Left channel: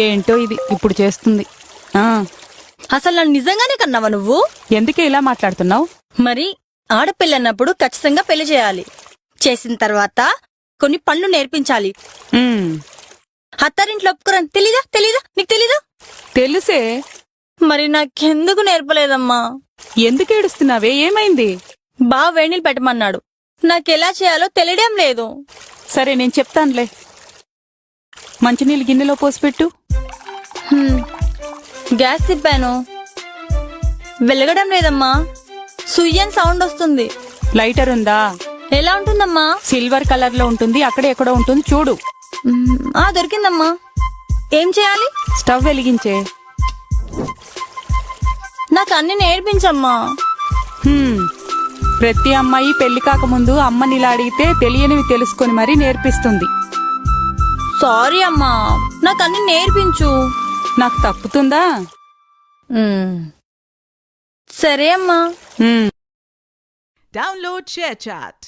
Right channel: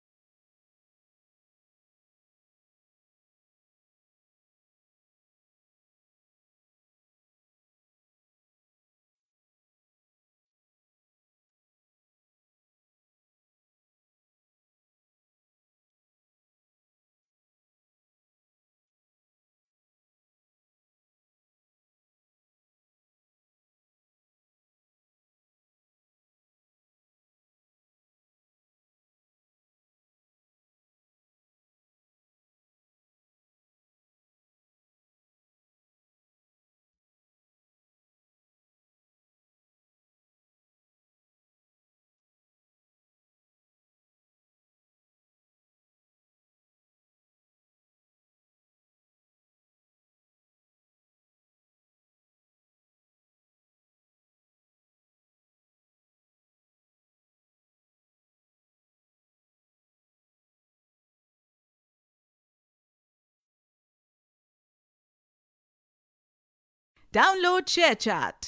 ఏంటో ఇది ఇప్పుడు చేస్తుంది. ఆ అసలు నన్ను నిజంగానే కన్నావా నువ్వు? ఎందుకే ఇలా మాట్లాడుతున్నావు? మరి ఆడపిల్లన్నప్పుడు ఖచ్చితంగా పెళ్లి చేయాలి. చేసిన తర్వాత కొన్ని పనులు నేర్పించాలి. అత్తారింట్లో ఒప్పుకోరని తెలీదా నీకు తెలీదా? తెలుసే. మరి నాకెందుకు నేర్పలేదమ్మా? ఎందుకు ఏడుస్తున్నావే? ఏమైంది? బావ వేణీలు పెట్టమన్నాడు. నాకెలా చేయాలో తెలియడం లేదు. సరే నేను చెప్తానులే. మంచినీళ్ళు గిన్నెలో పోసిపెట్టు. గ్యాస్ తిప్పాను, వెలగడం లేదమ్మా. సుయ్యన్ సౌండ్ వస్తుంది. లైటర్ ఉందా? ఎలా ఉంటుందమ్మా? సిల్వర్ కలర్ లో ఉంటుంది, అక్కడ ఎక్కడో ఉంటుంది చూడు. దొరికిందమ్మా. ఏం చేయాలి? స్టవ్ వెలిగించే. నాకు అన్ని నేర్పించమ్మా. ప్రతి అమ్మాయి పెళ్లి కాకముందు అమ్మని ఇలా అడిగితే తెలియనివి తెలుసుకొని మరీ నేర్పిస్తుంది. సారీ అమ్మా, నాకు అన్ని నేర్పించు. నాకు తప్పుతుందా? సరే అమ్మా. Download ShareChat.